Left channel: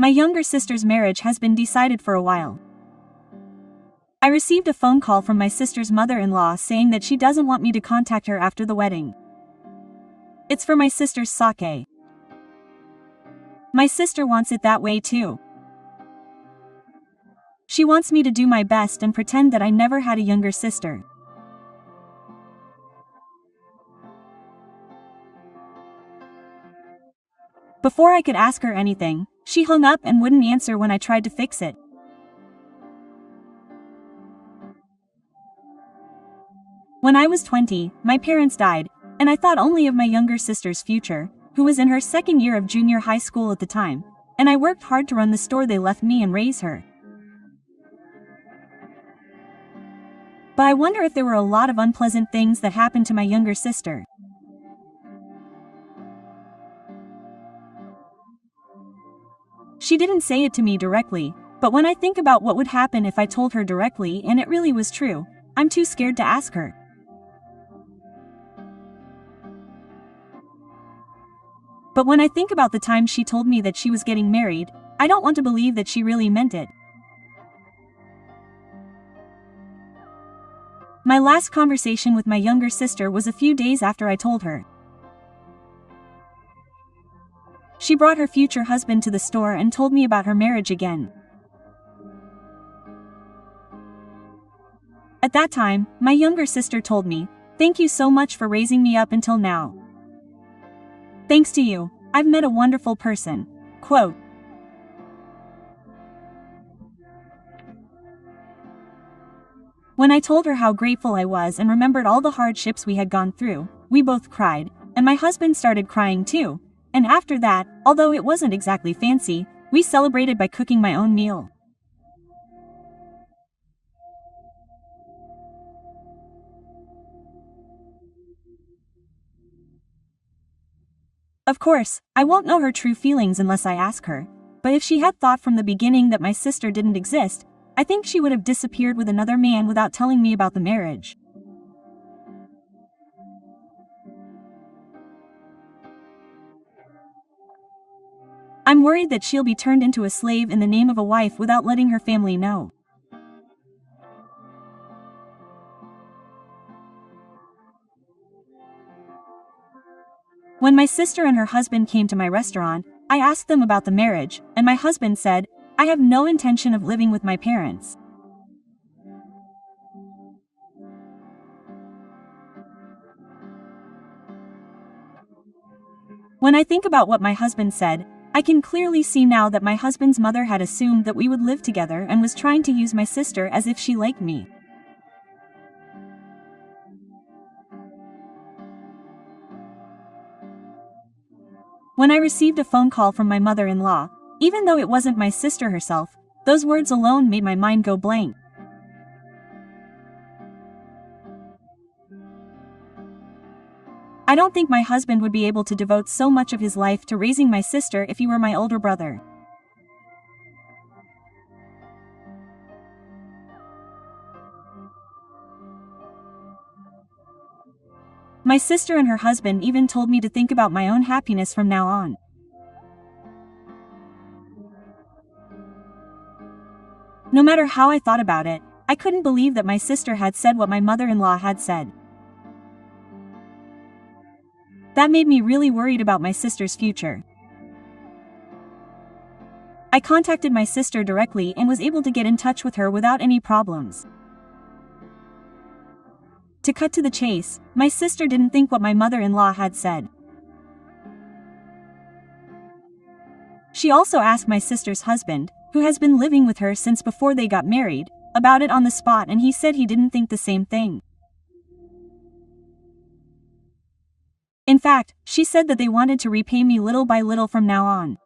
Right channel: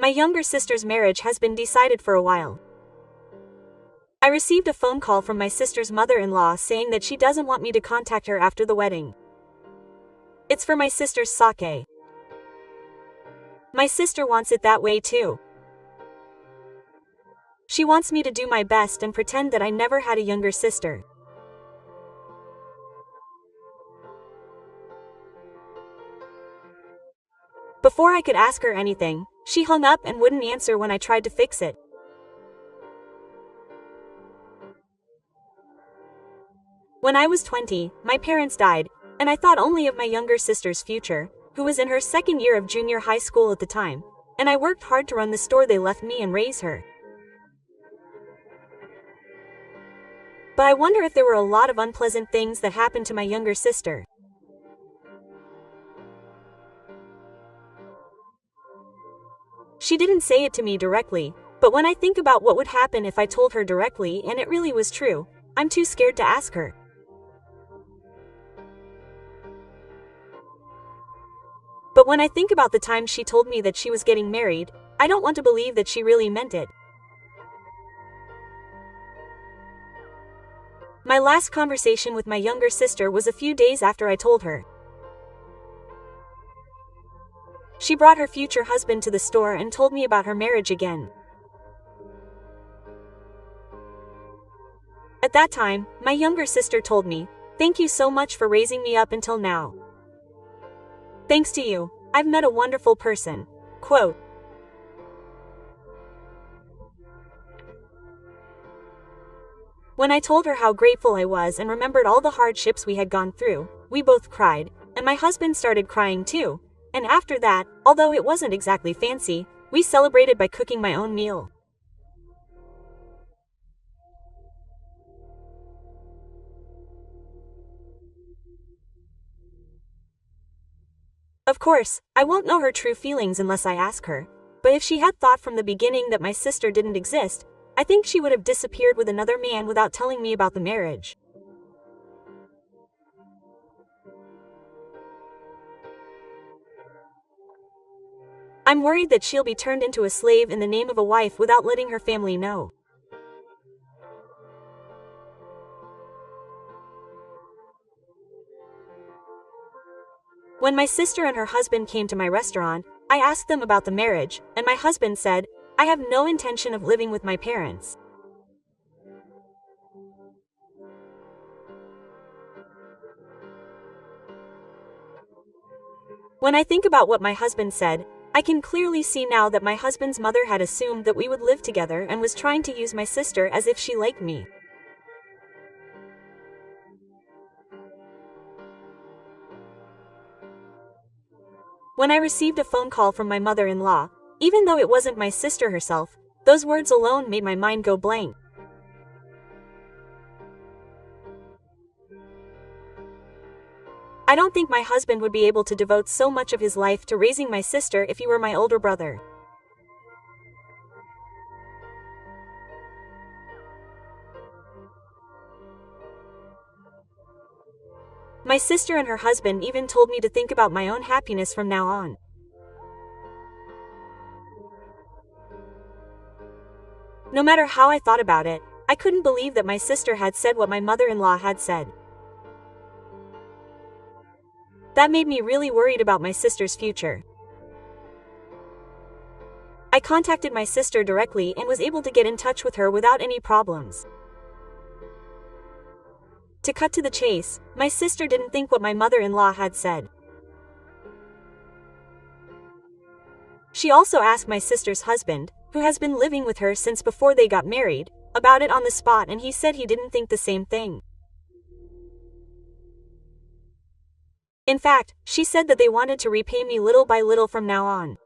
My younger sister's marriage has been decided for a while. I received a phone call from my sister's mother-in-law saying that she doesn't want me to contact her after the wedding. It's for my sister's sake. My sister wants it that way too. She wants me to do my best and pretend that I never had a younger sister. Before I could ask her anything, she hung up and wouldn't answer when I tried to fix it. When I was 20, my parents died, and I thought only of my younger sister's future, who was in her second year of junior high school at the time, and I worked hard to run the store they left me and raise her. But I wonder if there were a lot of unpleasant things that happened to my younger sister. She didn't say it to me directly, but when I think about what would happen if I told her directly and it really was true, I'm too scared to ask her. But when I think about the time she told me that she was getting married, I don't want to believe that she really meant it. My last conversation with my younger sister was a few days after I told her. She brought her future husband to the store and told me about her marriage again. At that time, my younger sister told me, "Thank you so much for raising me up until now. Thanks to you, I've met a wonderful person." Quote. When I told her how grateful I was and remembered all the hardships we had gone through, we both cried, and my husband started crying too. And after that, although it wasn't exactly fancy, we celebrated by cooking my own meal. Of course, I won't know her true feelings unless I ask her, but if she had thought from the beginning that my sister didn't exist, I think she would have disappeared with another man without telling me about the marriage. I'm worried that she'll be turned into a slave in the name of a wife without letting her family know. When my sister and her husband came to my restaurant, I asked them about the marriage, and my husband said, "I have no intention of living with my parents." When I think about what my husband said, I can clearly see now that my husband's mother had assumed that we would live together and was trying to use my sister as if she liked me. When I received a phone call from my mother-in-law, even though it wasn't my sister herself, those words alone made my mind go blank. I don't think my husband would be able to devote so much of his life to raising my sister if he were my older brother. My sister and her husband even told me to think about my own happiness from now on. No matter how I thought about it, I couldn't believe that my sister had said what my mother-in-law had said. That made me really worried about my sister's future. I contacted my sister directly and was able to get in touch with her without any problems. To cut to the chase, my sister didn't think what my mother-in-law had said. She also asked my sister's husband, who has been living with her since before they got married, about it on the spot, and he said he didn't think the same thing. In fact, she said that they wanted to repay me little by little from now on.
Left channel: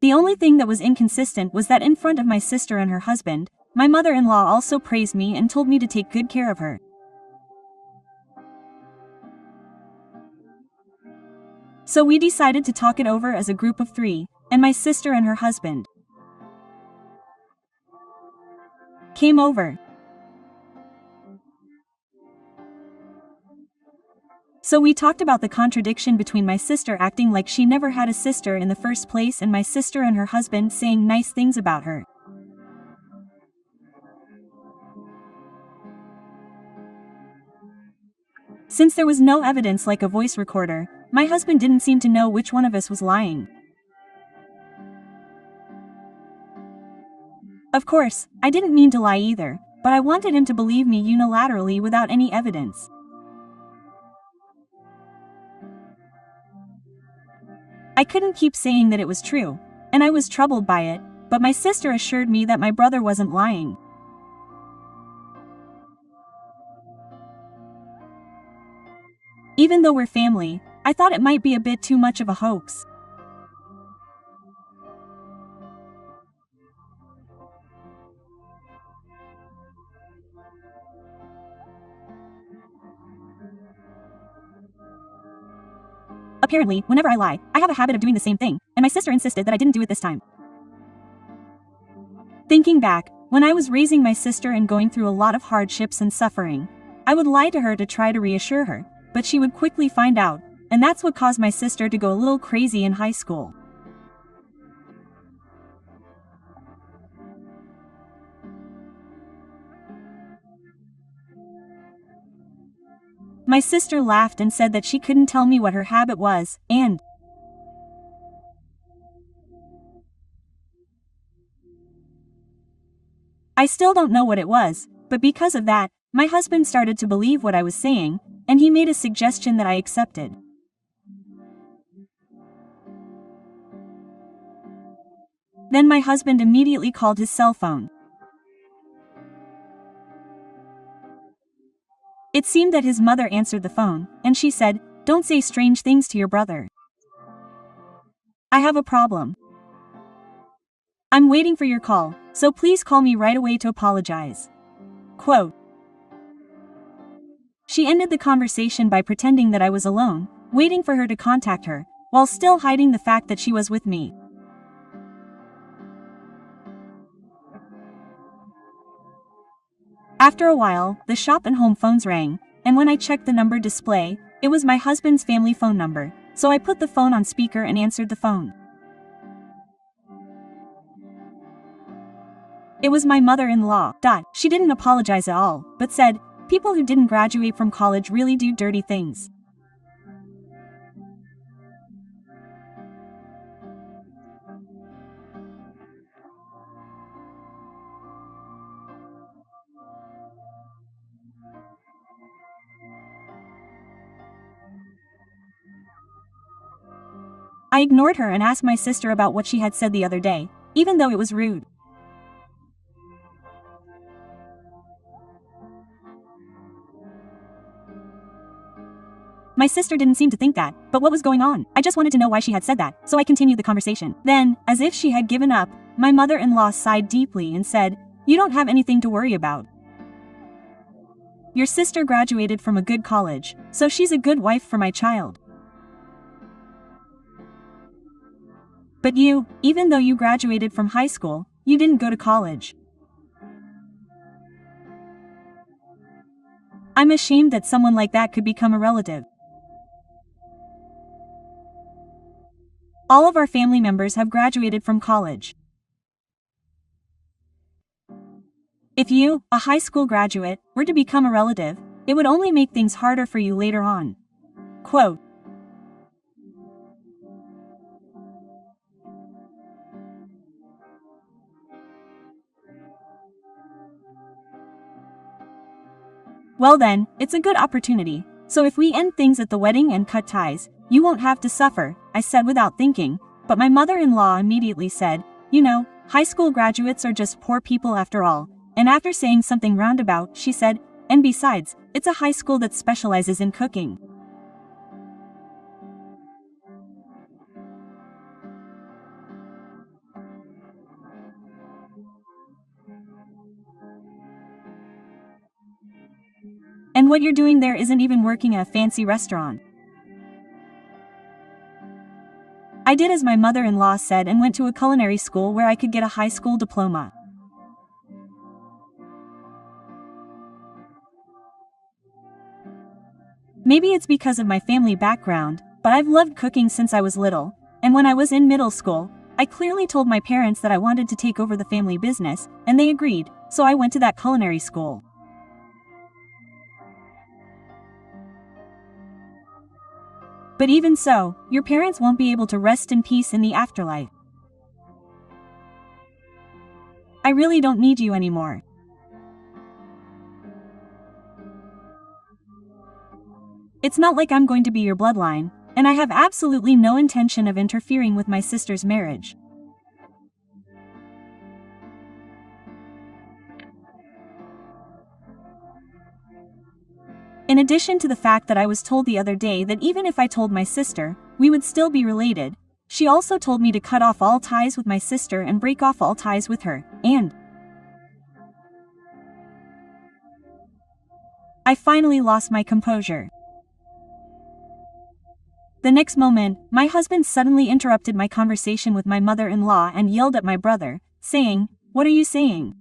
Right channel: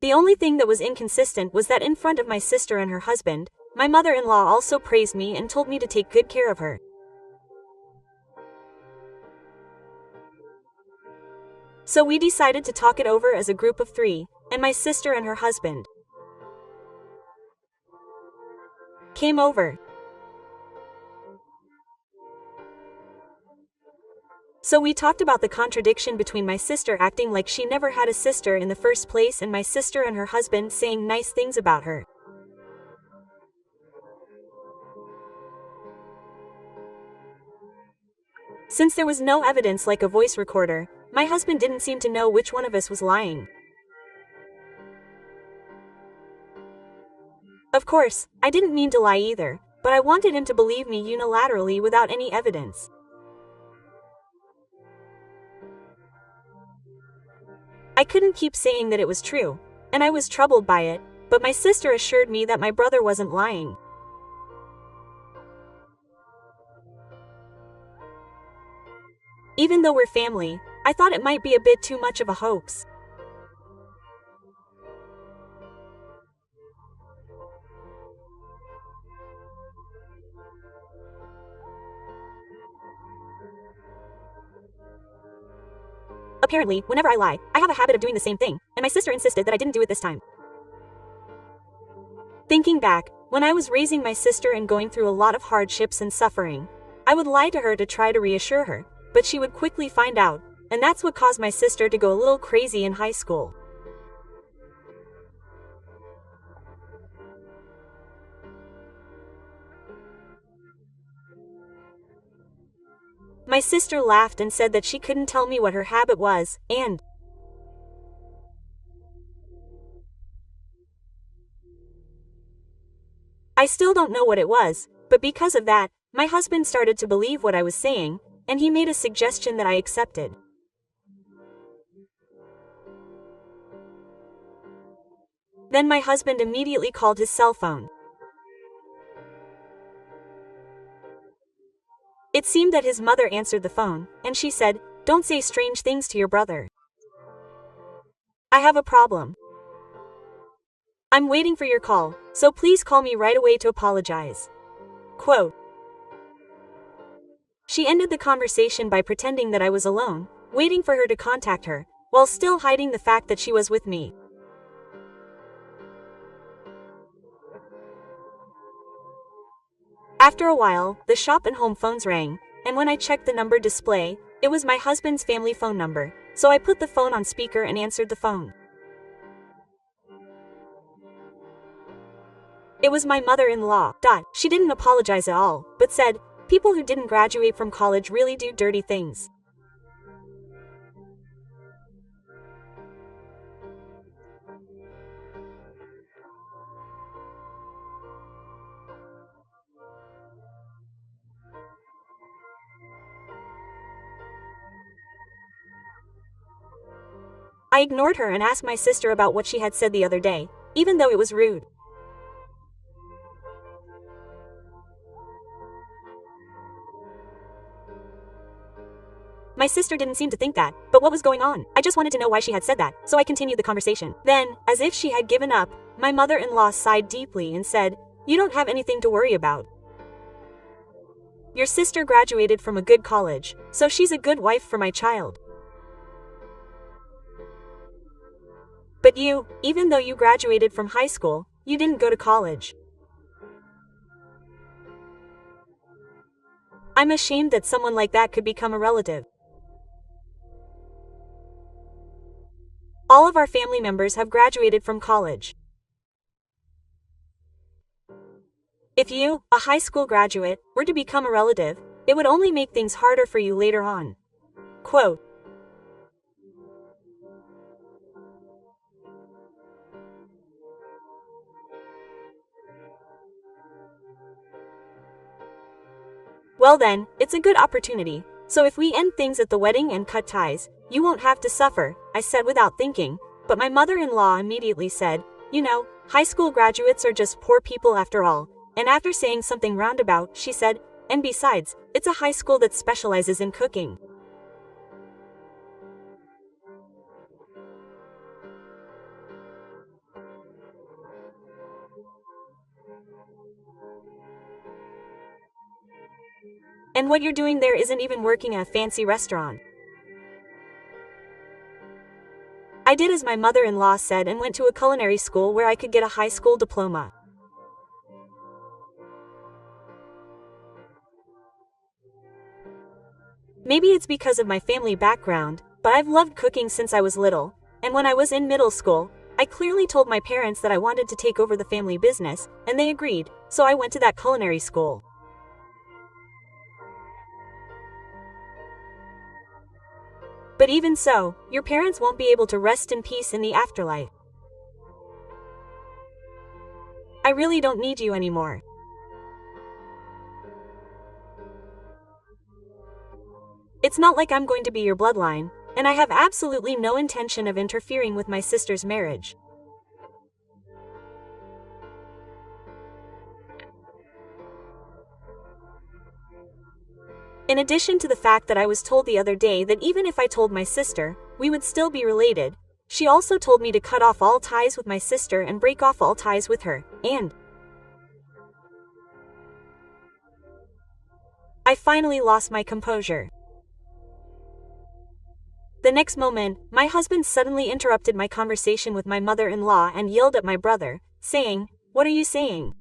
The only thing that was inconsistent was that in front of my sister and her husband, my mother-in-law also praised me and told me to take good care of her. So we decided to talk it over as a group of 3, and my sister and her husband came over. So we talked about the contradiction between my sister acting like she never had a sister in the first place and my sister and her husband saying nice things about her. Since there was no evidence like a voice recorder, my husband didn't seem to know which one of us was lying. Of course, I didn't mean to lie either, but I wanted him to believe me unilaterally without any evidence. I couldn't keep saying that it was true, and I was troubled by it, but my sister assured me that my brother wasn't lying. Even though we're family, I thought it might be a bit too much of a hoax. Apparently, whenever I lie, I have a habit of doing the same thing, and my sister insisted that I didn't do it this time. Thinking back, when I was raising my sister and going through a lot of hardships and suffering, I would lie to her to try to reassure her, but she would quickly find out, and that's what caused my sister to go a little crazy in high school. My sister laughed and said that she couldn't tell me what her habit was, and I still don't know what it was, but because of that, my husband started to believe what I was saying, and he made a suggestion that I accepted. Then my husband immediately called his cell phone. It seemed that his mother answered the phone, and she said, "Don't say strange things to your brother. I have a problem. I'm waiting for your call, so please call me right away to apologize." Quote. She ended the conversation by pretending that I was alone, waiting for her to contact her, while still hiding the fact that she was with me. After a while, the shop and home phones rang, and when I checked the number display, it was my husband's family phone number, so I put the phone on speaker and answered the phone. It was my mother-in-law. She didn't apologize at all, but said, "People who didn't graduate from college really do dirty things." I ignored her and asked my sister about what she had said the other day, even though it was rude. My sister didn't seem to think that, but what was going on? I just wanted to know why she had said that, so I continued the conversation. Then, as if she had given up, my mother-in-law sighed deeply and said, "You don't have anything to worry about. Your sister graduated from a good college, so she's a good wife for my child. But you, even though you graduated from high school, you didn't go to college. I'm ashamed that someone like that could become a relative. All of our family members have graduated from college. If you, a high school graduate, were to become a relative, it would only make things harder for you later on." Quote. Well then, it's a good opportunity, so if we end things at the wedding and cut ties, you won't have to suffer, I said without thinking, but my mother-in-law immediately said, "You know, high school graduates are just poor people after all," and after saying something roundabout, she said, "And besides, it's a high school that specializes in cooking." And what you're doing there isn't even working at a fancy restaurant. I did as my mother-in-law said and went to a culinary school where I could get a high school diploma. Maybe it's because of my family background, but I've loved cooking since I was little, and when I was in middle school, I clearly told my parents that I wanted to take over the family business, and they agreed, so I went to that culinary school. But even so, your parents won't be able to rest in peace in the afterlife. I really don't need you anymore. It's not like I'm going to be your bloodline, and I have absolutely no intention of interfering with my sister's marriage. In addition to the fact that I was told the other day that even if I told my sister, we would still be related, she also told me to cut off all ties with my sister and break off all ties with her, and I finally lost my composure. The next moment, my husband suddenly interrupted my conversation with my mother-in-law and yelled at my brother, saying, "What are you saying?"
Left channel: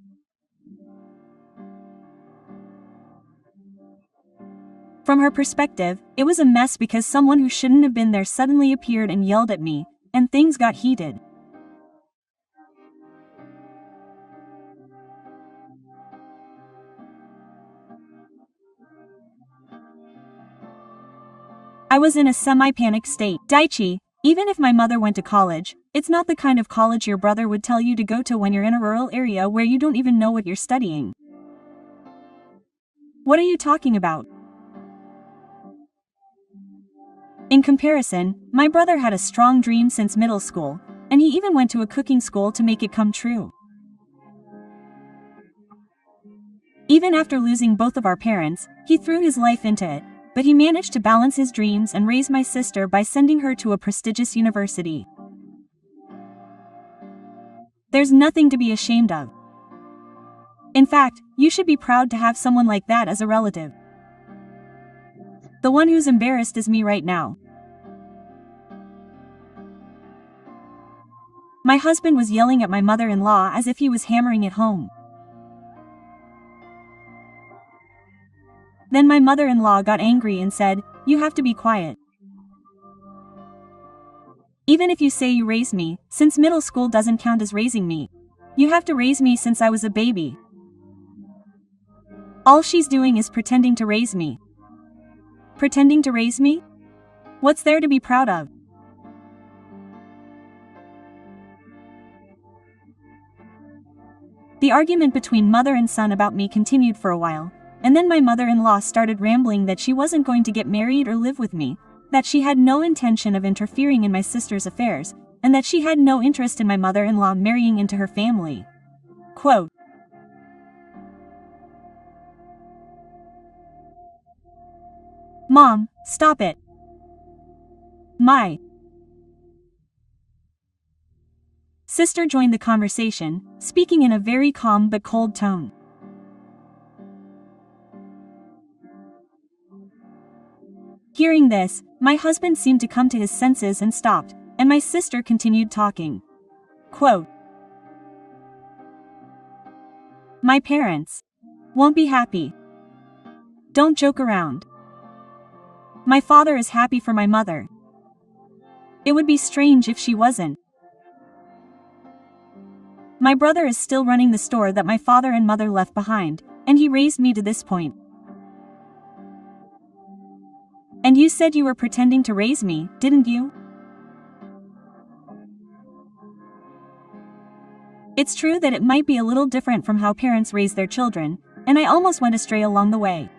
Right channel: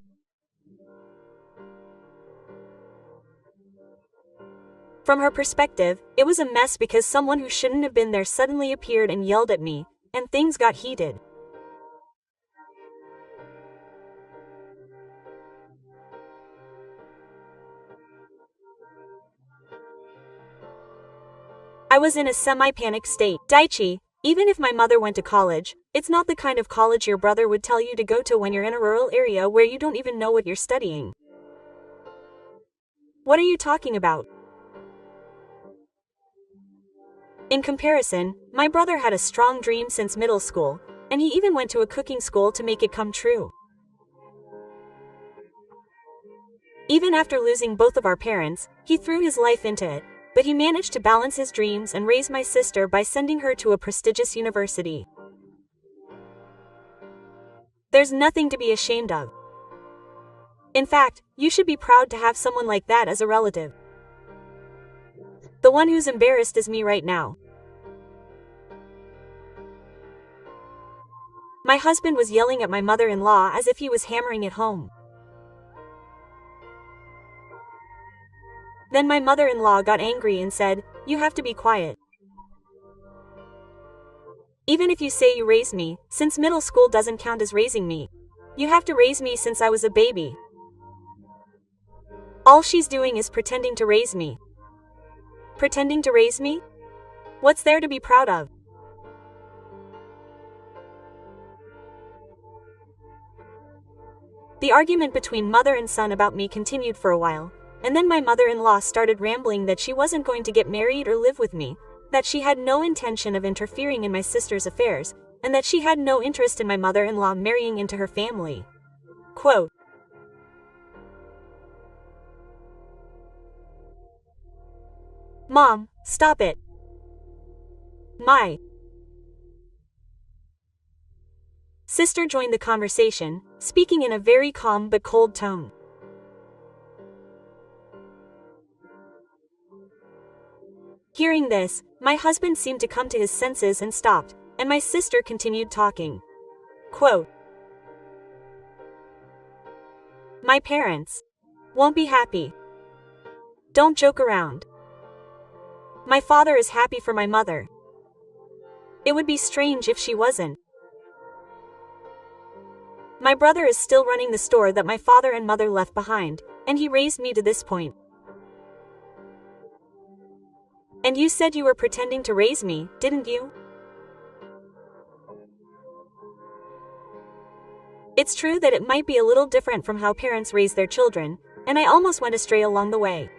From her perspective, it was a mess because someone who shouldn't have been there suddenly appeared and yelled at me, and things got heated. I was in a semi-panic state. Daichi, even if my mother went to college, it's not the kind of college your brother would tell you to go to when you're in a rural area where you don't even know what you're studying. What are you talking about? In comparison, my brother had a strong dream since middle school, and he even went to a cooking school to make it come true. Even after losing both of our parents, he threw his life into it, but he managed to balance his dreams and raise my sister by sending her to a prestigious university. There's nothing to be ashamed of. In fact, you should be proud to have someone like that as a relative. The one who's embarrassed is me right now. My husband was yelling at my mother-in-law as if he was hammering it home. Then my mother-in-law got angry and said, "You have to be quiet. Even if you say you raised me, since middle school doesn't count as raising me, you have to raise me since I was a baby. All she's doing is pretending to raise me." Pretending to raise me? What's there to be proud of? The argument between mother and son about me continued for a while, and then my mother-in-law started rambling that she wasn't going to get married or live with me, that she had no intention of interfering in my sister's affairs, and that she had no interest in my mother-in-law marrying into her family. Quote, "Mom, stop it. My sister joined the conversation, speaking in a very calm but cold tone. Hearing this, my husband seemed to come to his senses and stopped, and my sister continued talking. Quote, "My parents won't be happy. Don't joke around. My father is happy for my mother. It would be strange if she wasn't. My brother is still running the store that my father and mother left behind, and he raised me to this point. And you said you were pretending to raise me, didn't you? It's true that it might be a little different from how parents raise their children, and I almost went astray along the way.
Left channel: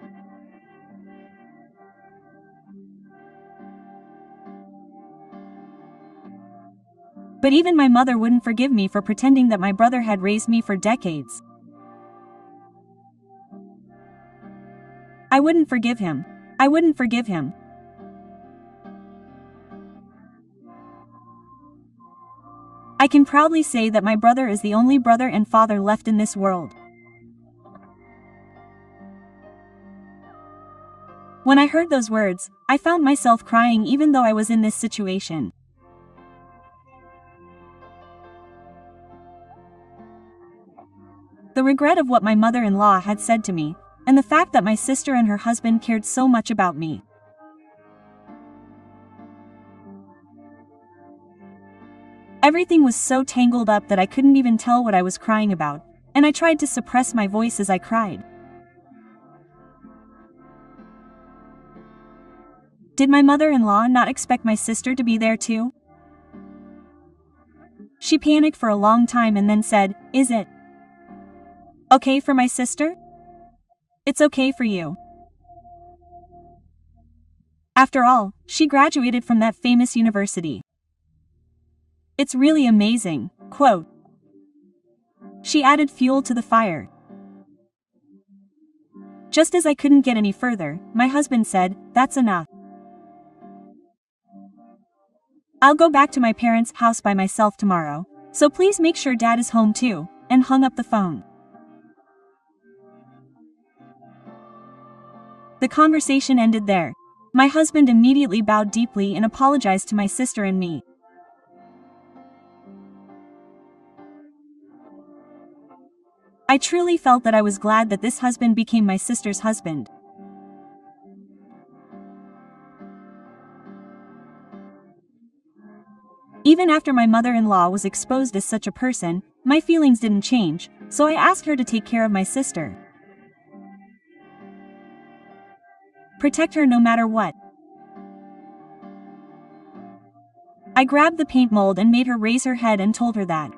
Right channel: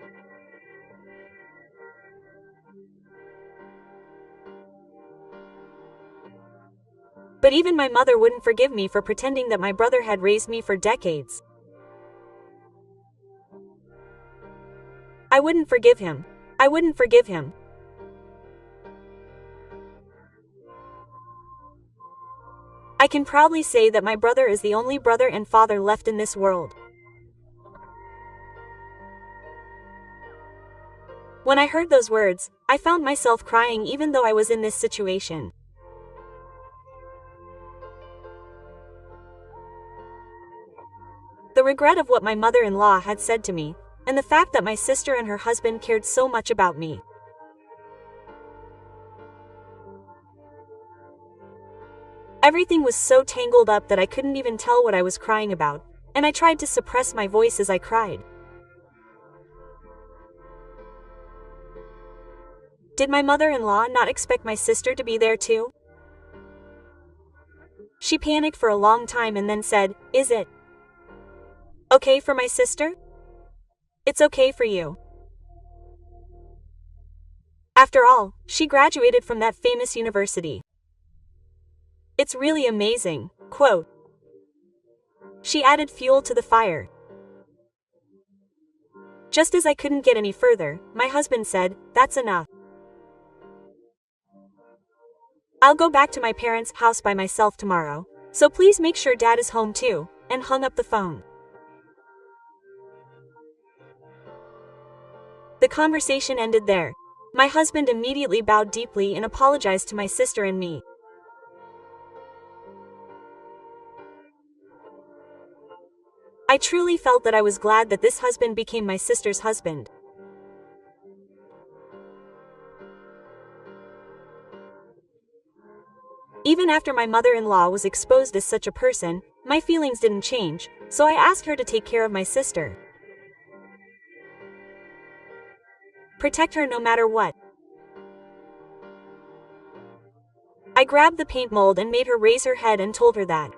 But even my mother wouldn't forgive me for pretending that my brother had raised me for decades. I wouldn't forgive him. I wouldn't forgive him. I can proudly say that my brother is the only brother and father left in this world. When I heard those words, I found myself crying even though I was in this situation. The regret of what my mother-in-law had said to me, and the fact that my sister and her husband cared so much about me. Everything was so tangled up that I couldn't even tell what I was crying about, and I tried to suppress my voice as I cried. Did my mother-in-law not expect my sister to be there too? She panicked for a long time and then said, "Is it okay for my sister? It's okay for you." After all, she graduated from that famous university. It's really amazing, quote. She added fuel to the fire. Just as I couldn't get any further, my husband said, "That's enough. I'll go back to my parents' house by myself tomorrow, so please make sure Dad is home too," and hung up the phone. The conversation ended there. My husband immediately bowed deeply and apologized to my sister and me. I truly felt that I was glad that this husband became my sister's husband. Even after my mother-in-law was exposed as such a person, my feelings didn't change, so I asked her to take care of my sister. Protect her no matter what. I grabbed the paint mold and made her raise her head and told her that.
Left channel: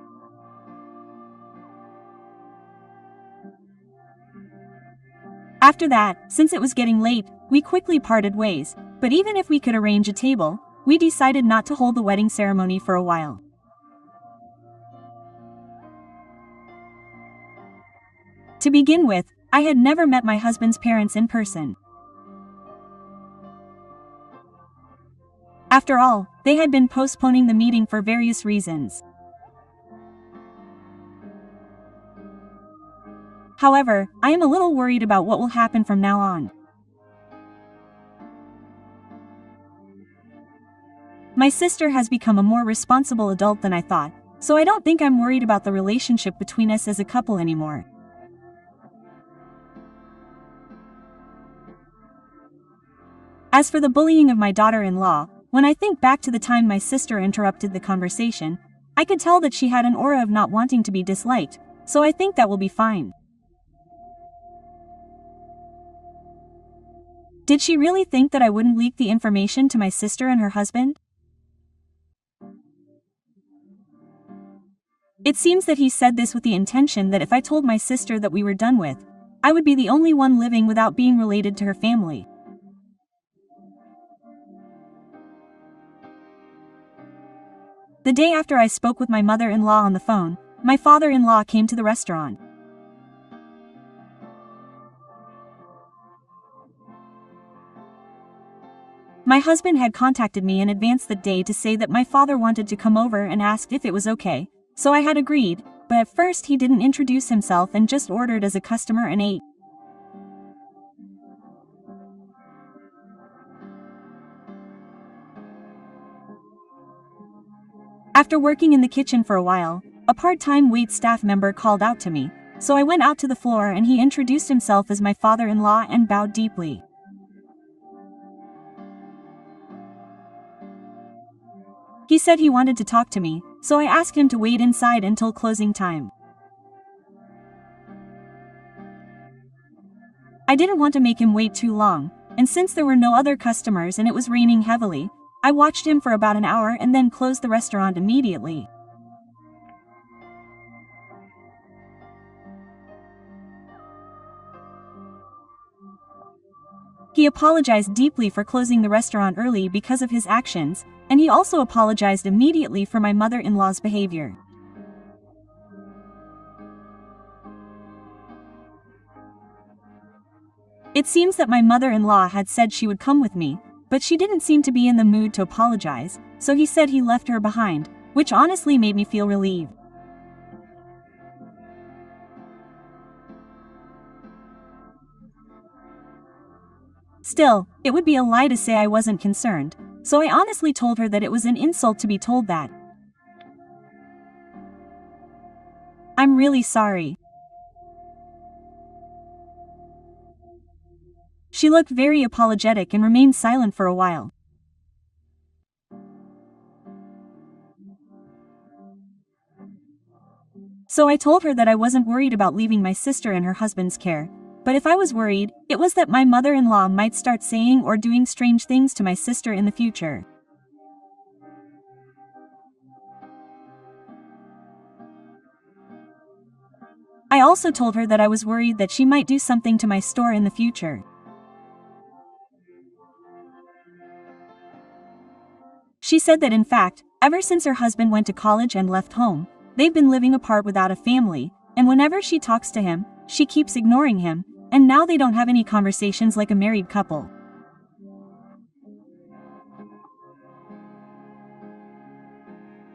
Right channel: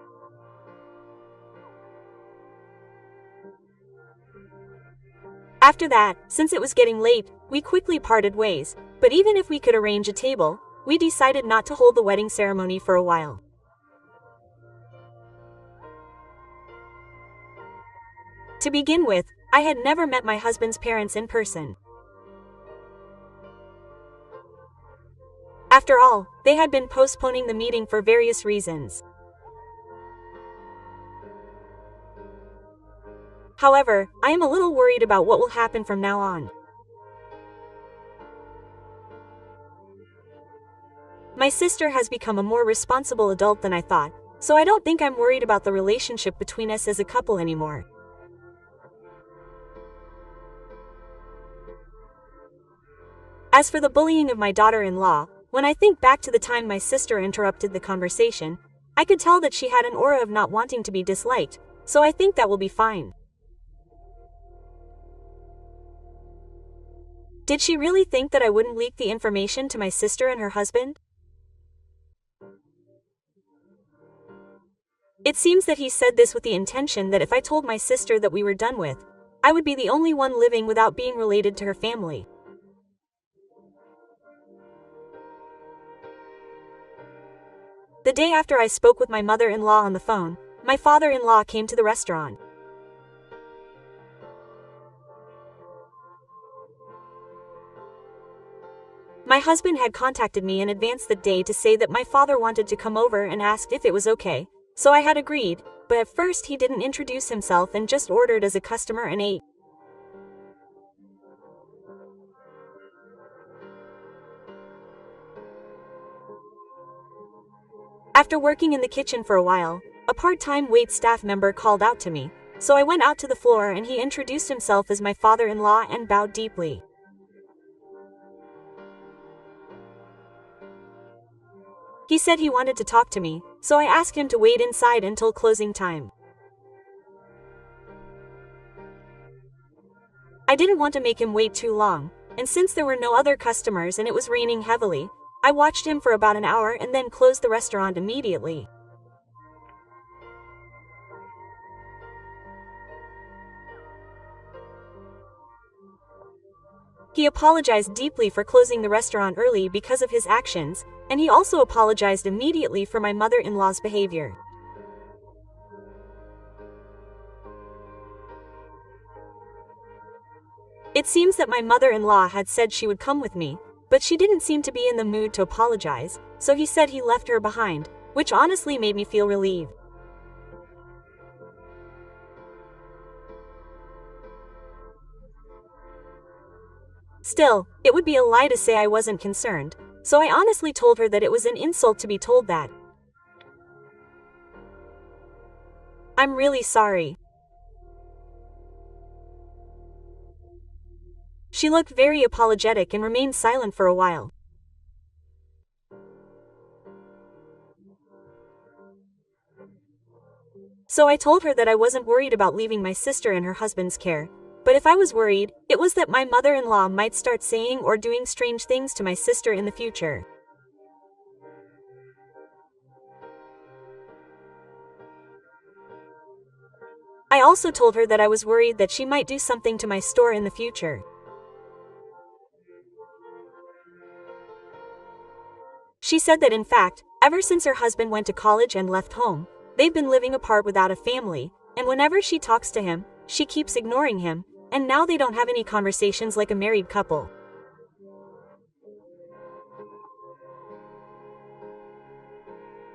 After that, since it was getting late, we quickly parted ways, but even if we could arrange a table, we decided not to hold the wedding ceremony for a while. To begin with, I had never met my husband's parents in person. After all, they had been postponing the meeting for various reasons. However, I am a little worried about what will happen from now on. My sister has become a more responsible adult than I thought, so I don't think I'm worried about the relationship between us as a couple anymore. As for the bullying of my daughter-in-law, when I think back to the time my sister interrupted the conversation, I could tell that she had an aura of not wanting to be disliked, so I think that will be fine. Did she really think that I wouldn't leak the information to my sister and her husband? It seems that he said this with the intention that if I told my sister that we were done with, I would be the only one living without being related to her family. The day after I spoke with my mother-in-law on the phone, my father-in-law came to the restaurant. My husband had contacted me in advance that day to say that my father wanted to come over and asked if it was okay, so I had agreed, but at first he didn't introduce himself and just ordered as a customer and ate. After working in the kitchen for a while, a part-time wait staff member called out to me, so I went out to the floor and he introduced himself as my father-in-law and bowed deeply. He said he wanted to talk to me, so I asked him to wait inside until closing time. I didn't want to make him wait too long, and since there were no other customers and it was raining heavily, I watched him for about an hour and then closed the restaurant immediately. He apologized deeply for closing the restaurant early because of his actions, and he also apologized immediately for my mother-in-law's behavior. It seems that my mother-in-law had said she would come with me, but she didn't seem to be in the mood to apologize, so he said he left her behind, which honestly made me feel relieved. Still, it would be a lie to say I wasn't concerned, so I honestly told her that it was an insult to be told that. I'm really sorry. She looked very apologetic and remained silent for a while. So I told her that I wasn't worried about leaving my sister in her husband's care, but if I was worried, it was that my mother-in-law might start saying or doing strange things to my sister in the future. I also told her that I was worried that she might do something to my store in the future. She said that in fact, ever since her husband went to college and left home, they've been living apart without a family, and whenever she talks to him, she keeps ignoring him, and now they don't have any conversations like a married couple.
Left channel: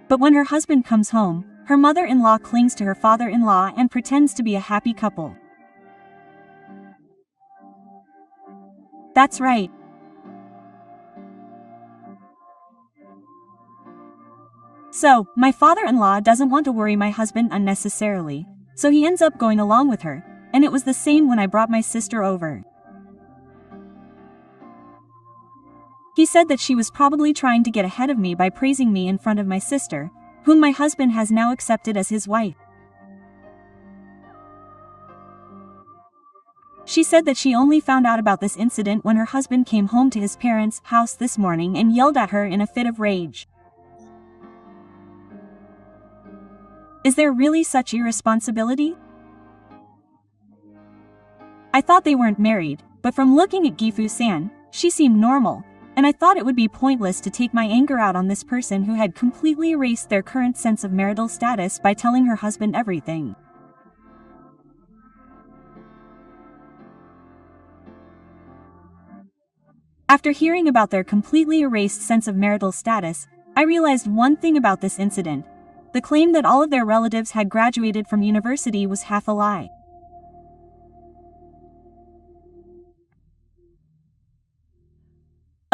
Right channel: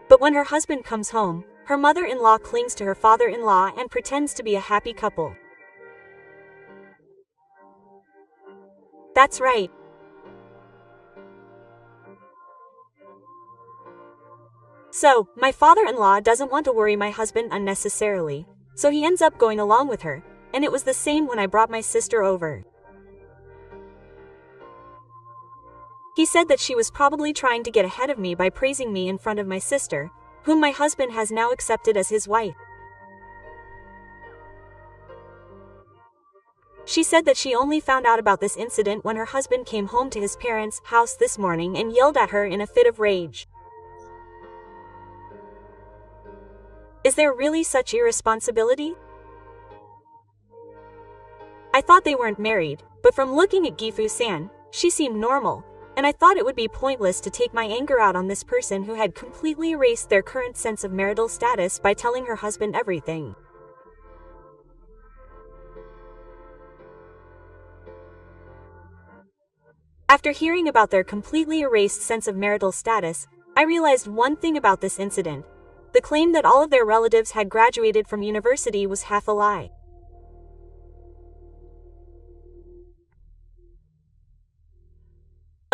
But when her husband comes home, her mother-in-law clings to her father-in-law and pretends to be a happy couple. That's right. So, my father-in-law doesn't want to worry my husband unnecessarily, so he ends up going along with her, and it was the same when I brought my sister over. He said that she was probably trying to get ahead of me by praising me in front of my sister, whom my husband has now accepted as his wife. She said that she only found out about this incident when her husband came home to his parents' house this morning and yelled at her in a fit of rage. Is there really such irresponsibility? I thought they weren't married, but from looking at Gifu-san, she seemed normal, and I thought it would be pointless to take my anger out on this person who had completely erased their current sense of marital status by telling her husband everything. After hearing about their completely erased sense of marital status, I realized one thing about this incident. The claim that all of their relatives had graduated from university was half a lie.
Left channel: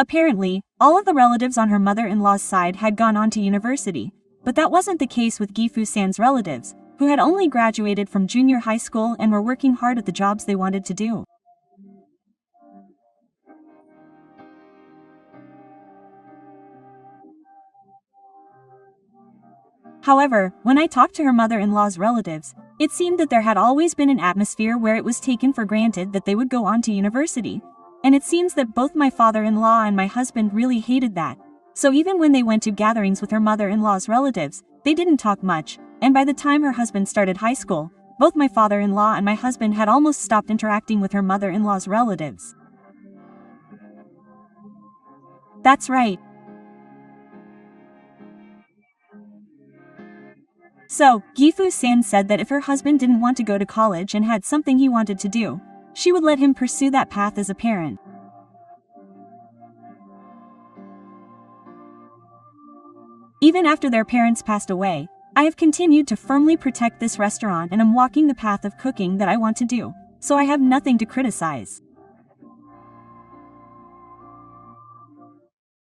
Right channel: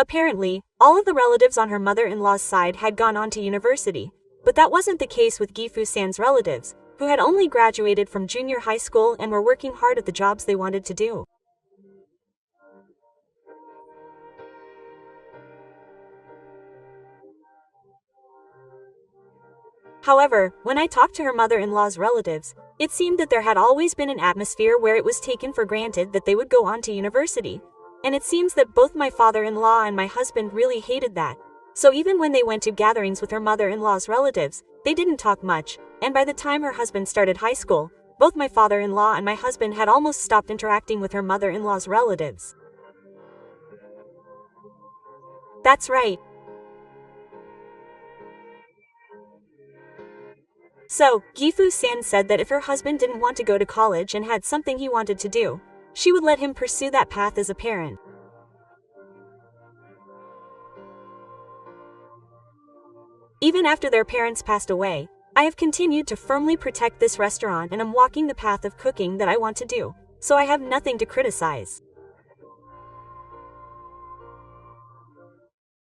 Apparently, all of the relatives on her mother-in-law's side had gone on to university, but that wasn't the case with Gifu-san's relatives, who had only graduated from junior high school and were working hard at the jobs they wanted to do. However, when I talked to her mother-in-law's relatives, it seemed that there had always been an atmosphere where it was taken for granted that they would go on to university. And it seems that both my father-in-law and my husband really hated that. So even when they went to gatherings with her mother-in-law's relatives, they didn't talk much, and by the time her husband started high school, both my father-in-law and my husband had almost stopped interacting with her mother-in-law's relatives. That's right. So, Gifu-san said that if her husband didn't want to go to college and had something he wanted to do, she would let him pursue that path as a parent. Even after their parents passed away, I have continued to firmly protect this restaurant and am walking the path of cooking that I want to do, so I have nothing to criticize.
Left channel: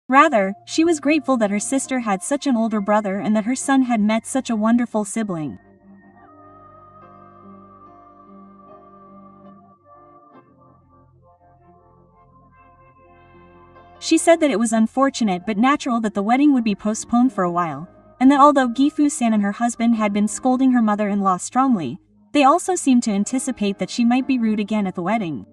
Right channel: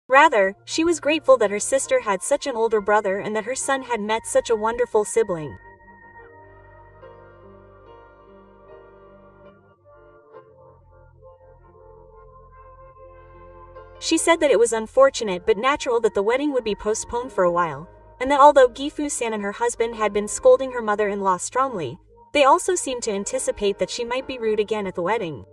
Rather, she was grateful that her sister had such an older brother and that her son had met such a wonderful sibling. She said that it was unfortunate but natural that the wedding would be postponed for a while, and that although Gifu-san and her husband had been scolding her mother-in-law strongly, they also seemed to anticipate that she might be rude again at the wedding.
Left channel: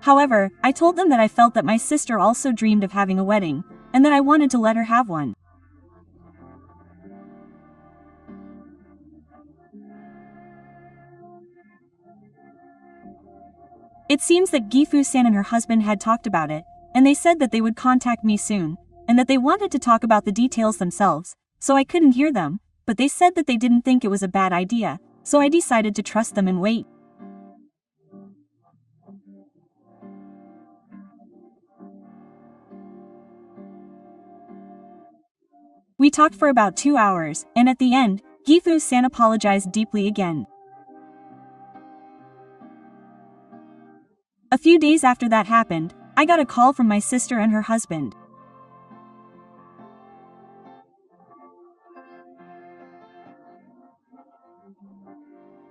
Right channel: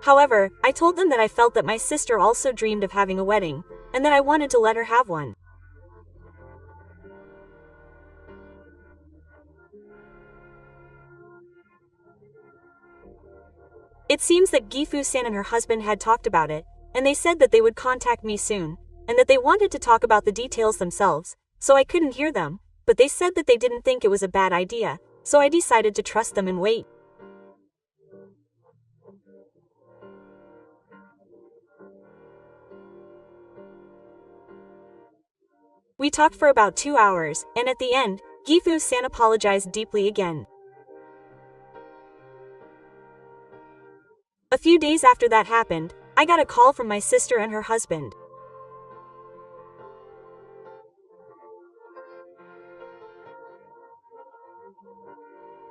However, I told them that I felt that my sister also dreamed of having a wedding, and that I wanted to let her have one. It seems that Gifu-san and her husband had talked about it, and they said that they would contact me soon, and that they wanted to talk about the details themselves, so I couldn't hear them, but they said that they didn't think it was a bad idea, so I decided to trust them and wait. We talked for about 2 hours, and at the end, Gifu-san apologized deeply again. A few days after that happened, I got a call from my sister and her husband.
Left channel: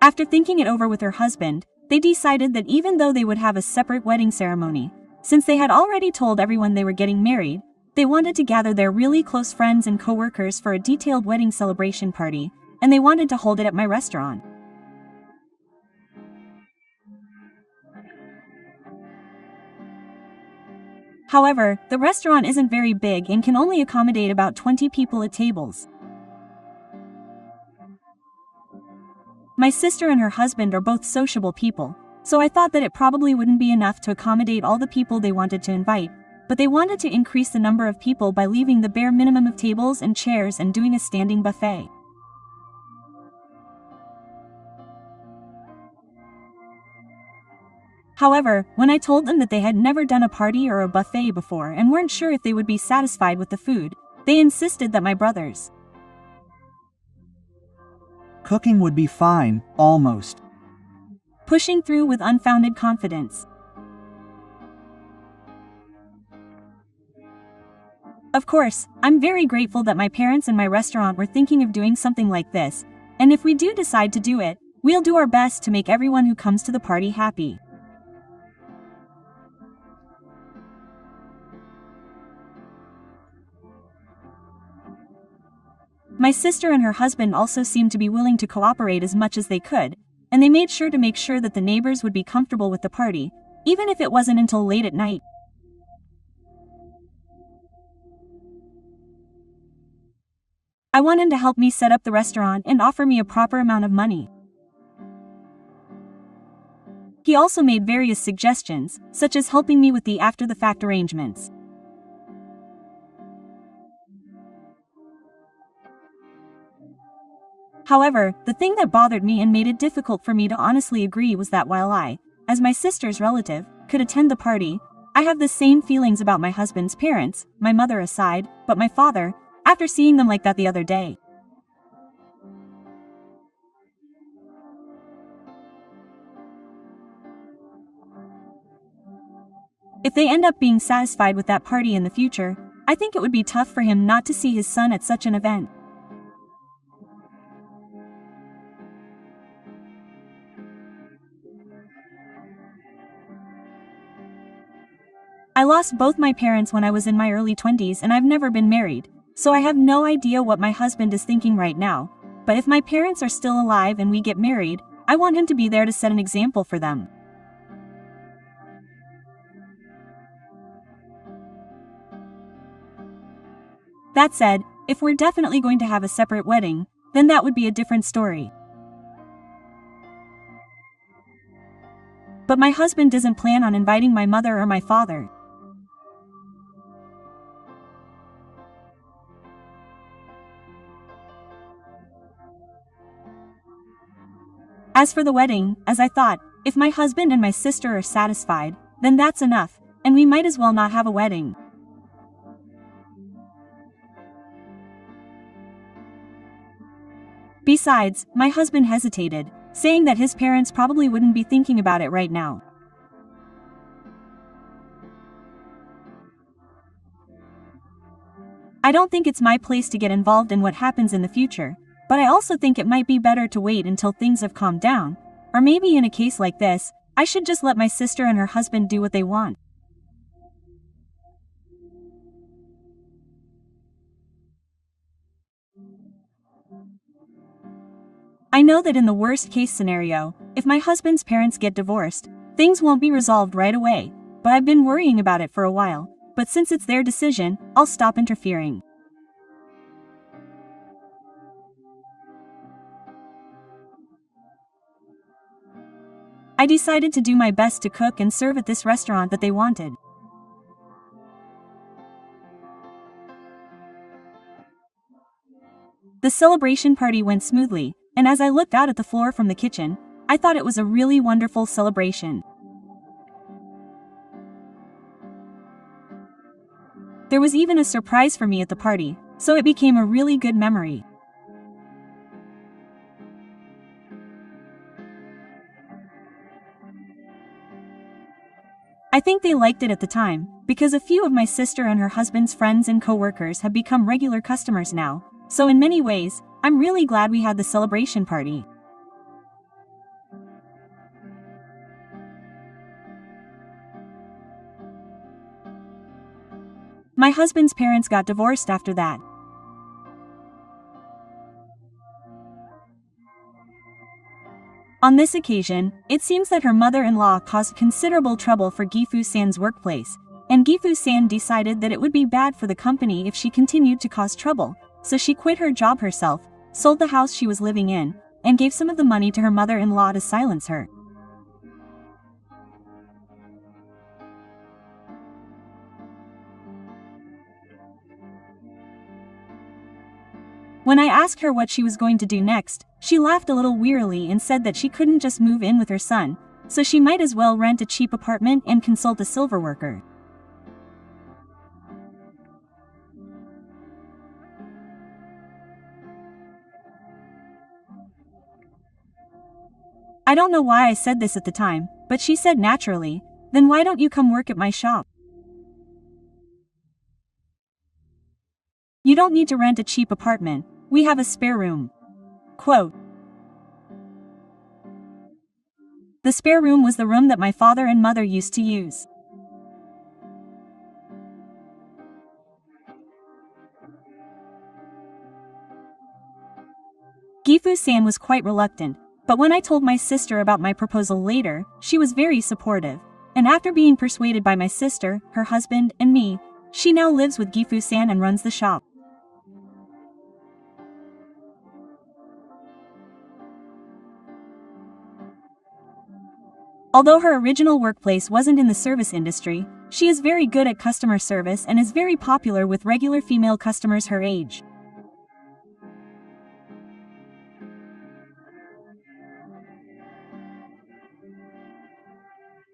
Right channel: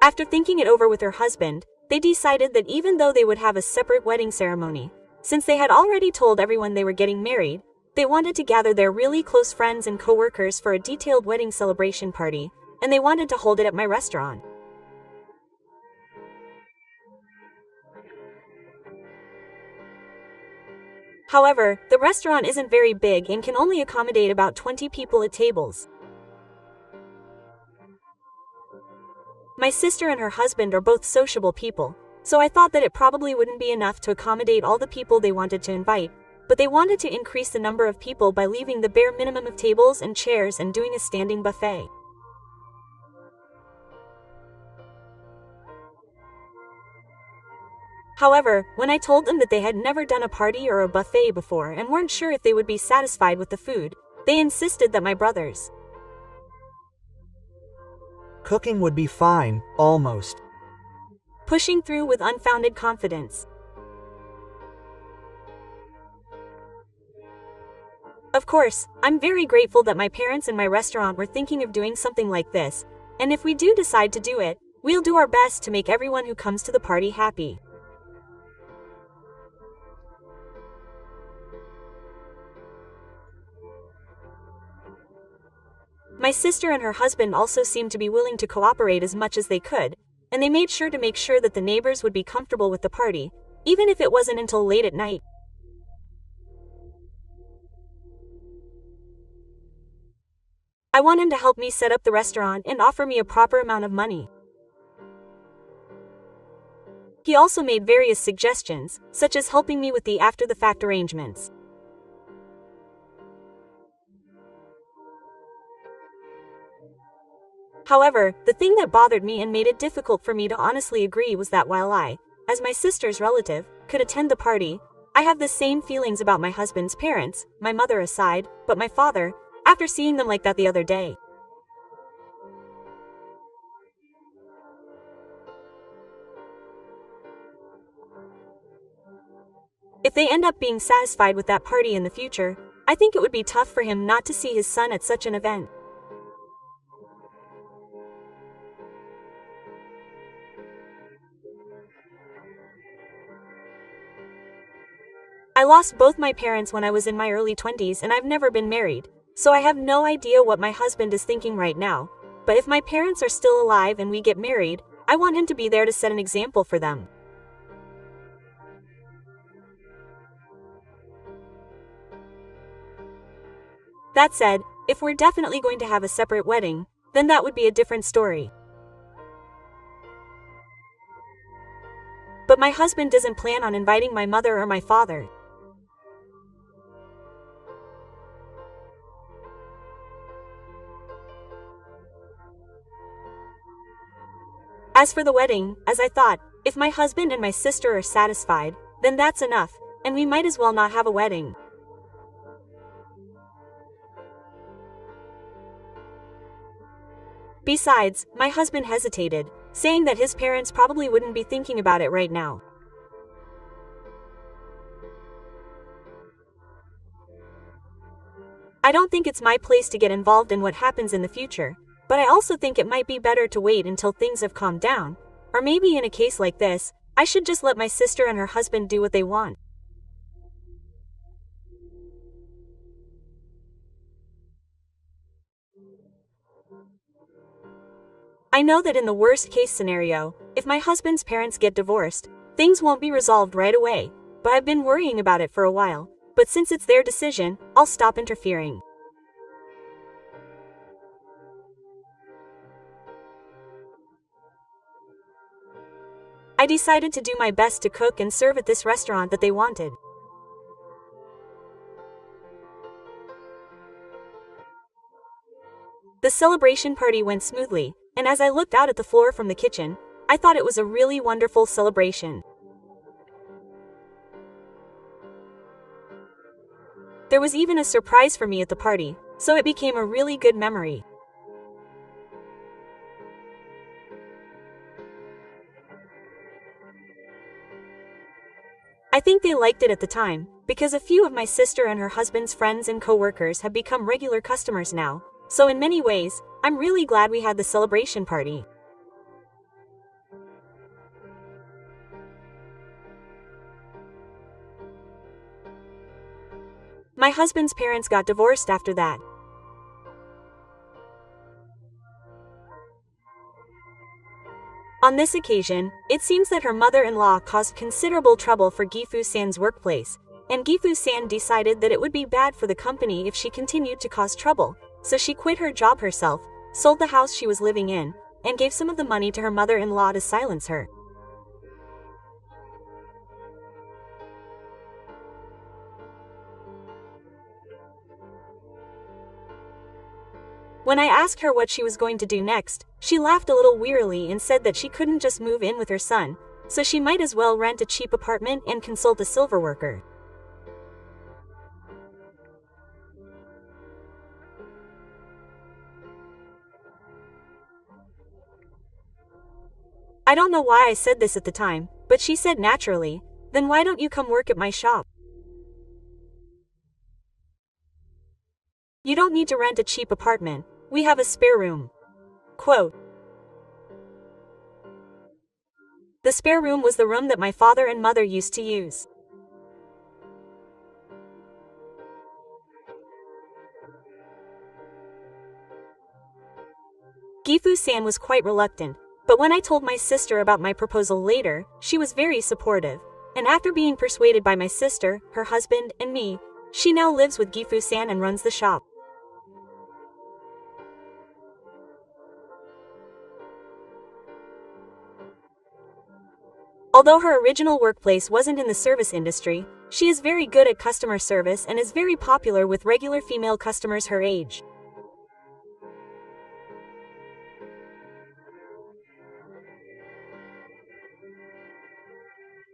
After thinking it over with her husband, they decided that even though they would have a separate wedding ceremony, Since they had already told everyone they were getting married, they wanted to gather their really close friends and co-workers for a detailed wedding celebration party, and they wanted to hold it at my restaurant. However, the restaurant isn't very big and can only accommodate about 20 people at tables. My sister and her husband are both sociable people, so I thought that it probably wouldn't be enough to accommodate all the people they wanted to invite, but they wanted to increase the number of people by leaving the bare minimum of tables and chairs and doing a standing buffet. However, when I told them that they had never done a party or a buffet before and weren't sure if they would be satisfied with the food, they insisted that my brothers' cooking would be fine, almost. Pushing through with unfounded confidence. Of course, I'm very grateful that my parents and my restaurant were thinking of doing something like this, and if we do decide to do it, we'll do our best to make everyone who comes to the party happy. My sister and her husband also seemed to be willing to cooperate as much as they could, and they made sure that the neighbors would be comfortable with the party, even if it wasn't until late at night. I want him to help me set up the restaurant and offer me a proper amount of money. He also made various suggestions, such as helping me with the after-the-fact arrangements. However, the thing that bothered me and made it difficult for me to honestly agree was that while I, as my sister's relative, could attend the party, I have the same feelings about my husband's parents, my mother aside, but my father, after seeing them like that the other day. If they end up being satisfied with that party in the future, I think it would be tough for him not to see his son at such an event. I lost both my parents when I was in my early 20s and I've never been married, so I have no idea what my husband is thinking right now, but if my parents are still alive and we get married, I want him to be there to set an example for them. That said, if we're definitely going to have a separate wedding, then that would be a different story. But my husband doesn't plan on inviting my mother or my father. As for the wedding, as I thought, if my husband and my sister are satisfied, then that's enough, and we might as well not have a wedding. Besides, my husband hesitated, saying that his parents probably wouldn't be thinking about it right now. I don't think it's my place to get involved in what happens in the future, but I also think it might be better to wait until things have calmed down, or maybe in a case like this, I should just let my sister and her husband do what they want. I know that in the worst-case scenario, if my husband's parents get divorced, things won't be resolved right away, but I've been worrying about it for a while, but since it's their decision, I'll stop interfering. I decided to do my best to cook and serve at this restaurant that they wanted. The celebration party went smoothly, and as I looked out at the floor from the kitchen, I thought it was a really wonderful celebration. There was even a surprise for me at the party, so it became a really good memory. I think they liked it at the time, because a few of my sister and her husband's friends and co-workers have become regular customers now, so in many ways, I'm really glad we had the celebration party. My husband's parents got divorced after that. On this occasion, it seems that her mother-in-law caused considerable trouble for Gifu-san's workplace, and Gifu-san decided that it would be bad for the company if she continued to cause trouble, so she quit her job herself, sold the house she was living in, and gave some of the money to her mother-in-law to silence her. When I asked her what she was going to do next, she laughed a little wearily and said that she couldn't just move in with her son, so she might as well rent a cheap apartment and consult a silver worker. I don't know why I said this at the time, but she said naturally, "Then why don't you come work at my shop? You don't need to rent a cheap apartment, we have a spare room." Quote. The spare room was the room that my father and mother used to use. Gifu-san was quite reluctant, but when I told my sister about my proposal later, she was very supportive, and after being persuaded by my sister, her husband, and me, she now lives with Gifu-san and runs the shop. Although her original workplace wasn't in the service industry, she is very good at customer service and is very popular with regular female customers her age.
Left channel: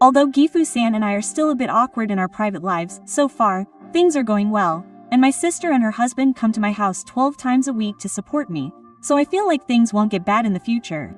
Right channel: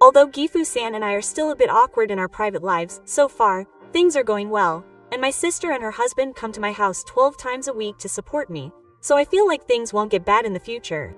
Although Gifu-san and I are still a bit awkward in our private lives, so far, things are going well, and my sister and her husband come to my house 12 times a week to support me, so I feel like things won't get bad in the future.